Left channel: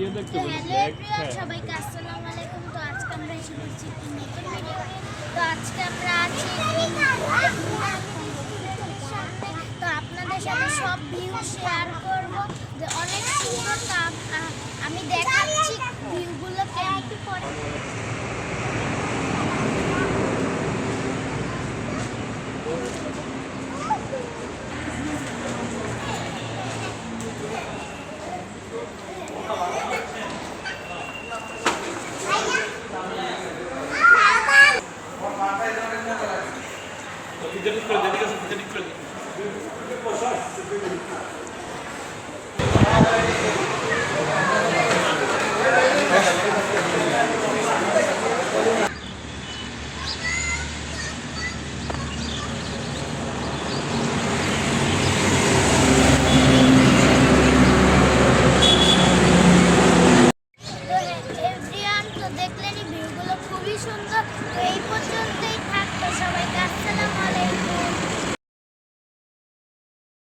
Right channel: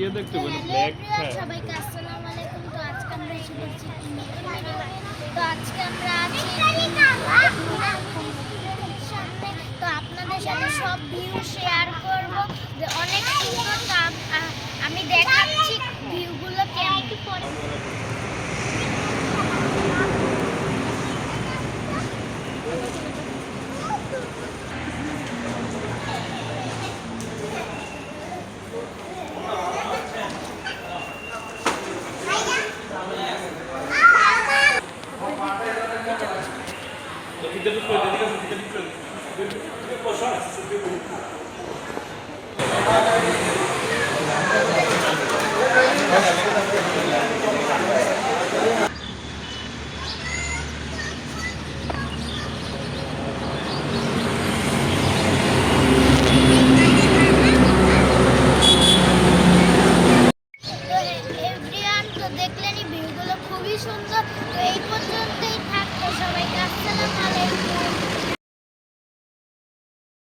Hello everyone, সবাইকে আসসালামু আলাইকুম। তো আজকে আমরা এসে পড়ছি একটি নতুন ভিডিও নিয়ে। তো আজকে আমরা আছি সামনে। তো আপনাদের সাথে সব ভিউ শেয়ার করব, যে অনেক সুন্দর। তো আমি দেখাচ্ছি ভিউগুলো কেমন। দেখলেনি ভিউগুলো খুবই সুন্দর। তো এই পর্যন্তই থাকতো। সবাইকে আসসালামু আলাইকুম।